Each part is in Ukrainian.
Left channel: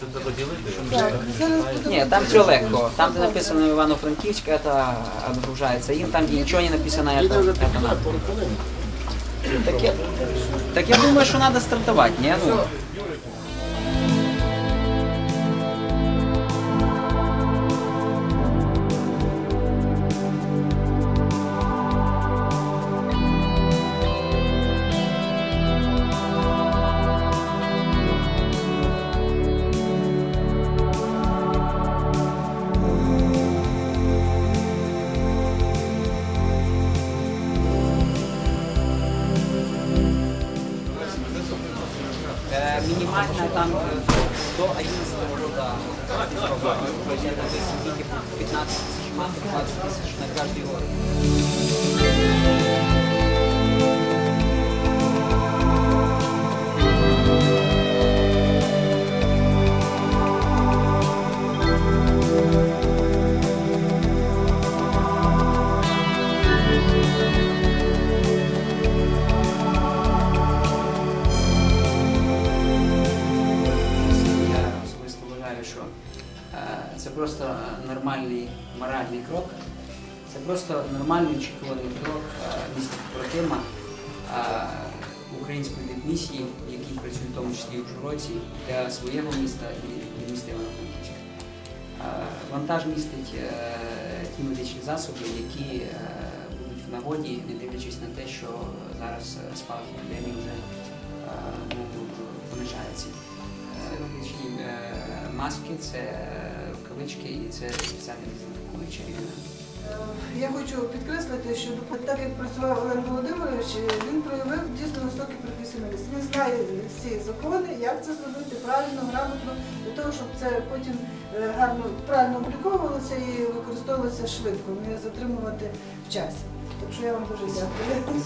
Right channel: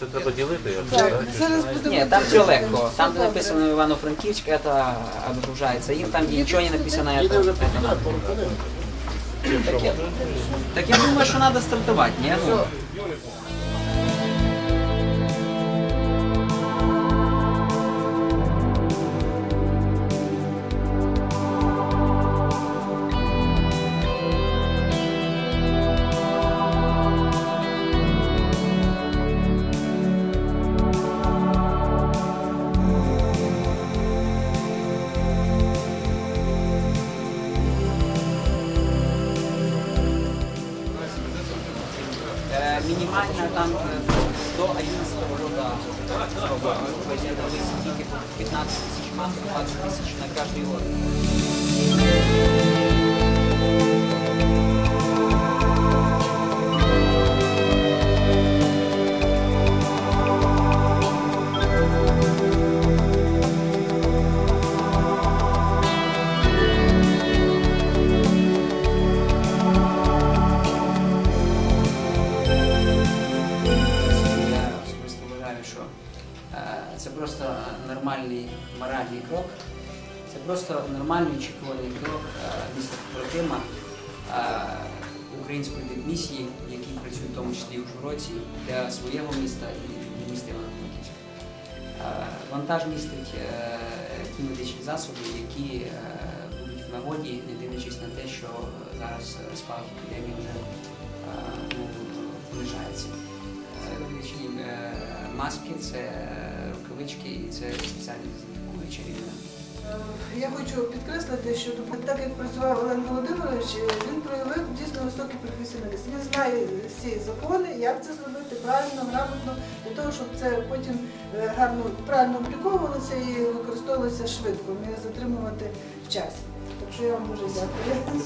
Це треба ділити. Ні, там все легко. Там, де написано Івано-Франківськ, це відгружається їм, там, де нічого не написано, це надо. Так я, так я думаю, що треба стартувати, ні? Ну, Е, Мінімальна там е, до 11 года срока. То есть это вы сидите по 15 тысяч маток, 20 тысяч на каждый год. Вважаю, що е, це просто нормальний моральний крок. Це просто нормальний очікуваний крок е, міста побратима е, української дипмісії, які працюють в тому числі і в Журоці для свого міста і для міста Івано-Франківська. Вантаж містить ті медичні засоби, які будуть в нагоді, не дивлячись на те, що зараз спалах епідемії вже ну, понижається. Е, маски, це е, рукавички і це спеціальні дезінфікуючі рівня. Е, Я хочу підкреслити, що так як працював Олег Володимирович, він проявив дійсно високий професіоналізм. Він знає всі закони, як це зробити правильно, грамотно, для того, щоб це потім е, гарно правильно обліковувалося і використовувалося швидко, не затримувати в часі. Так що я вам дуже дякую.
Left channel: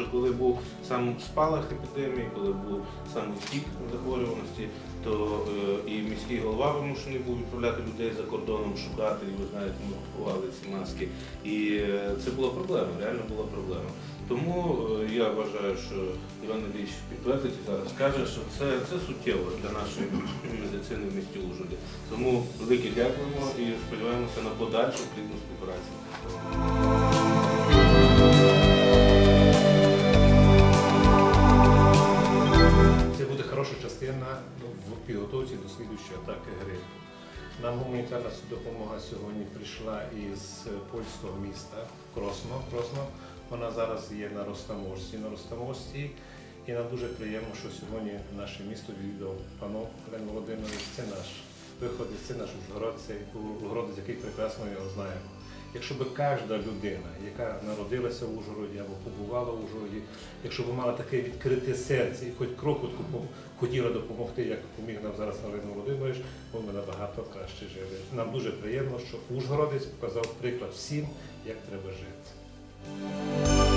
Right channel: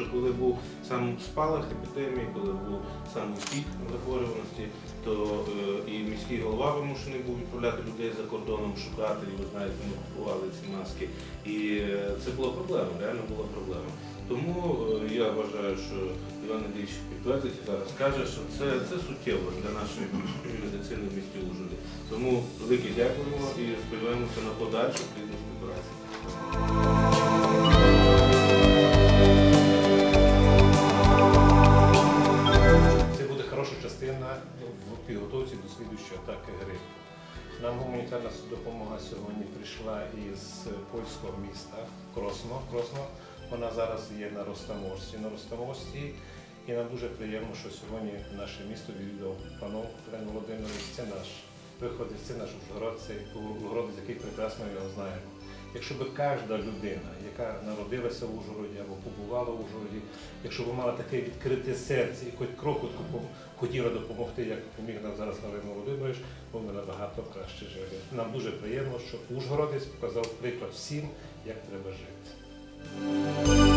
Що коли був сам спалах епідемії, коли був сам пік захворюваності, то е, і міський голова вимушений був відправляти людей за кордоном шукати, і ви знаєте, ми купували ці маски. І е, це була проблема, реально була проблема. Тому е, я вважаю, що Іван Ілліч підтвердить і зараз скаже, що це, це суттєво для нашої медицини в місті Ужгороді. Тому велике дякуємо і сподіваємося на подальшу плідну співпрацю. Частина ну, в підготовці до слідуючої атаки грипу. Нам гуманітарна допомога сьогодні прийшла із польського міста Кросно. Кросно. Вона зараз є на Ростаморській. На Ростаморській. І нам дуже приємно, що сьогодні наше місто відвідав панов Олег Володимирович. Це наш виходець, це наш Ужгород, це Ужгородець, який прекрасно його знаємо. Якщо б кожна людина, яка народилася в Ужгороді або побувала в Ужгороді, якщо б мала таке відкрите серце і хоч крокутку хотіла допомогти, як поміг нам зараз Галина Володимирович, ми набагато краще жили. Нам дуже приємно, що Ужгородець показав приклад всім, як треба жити.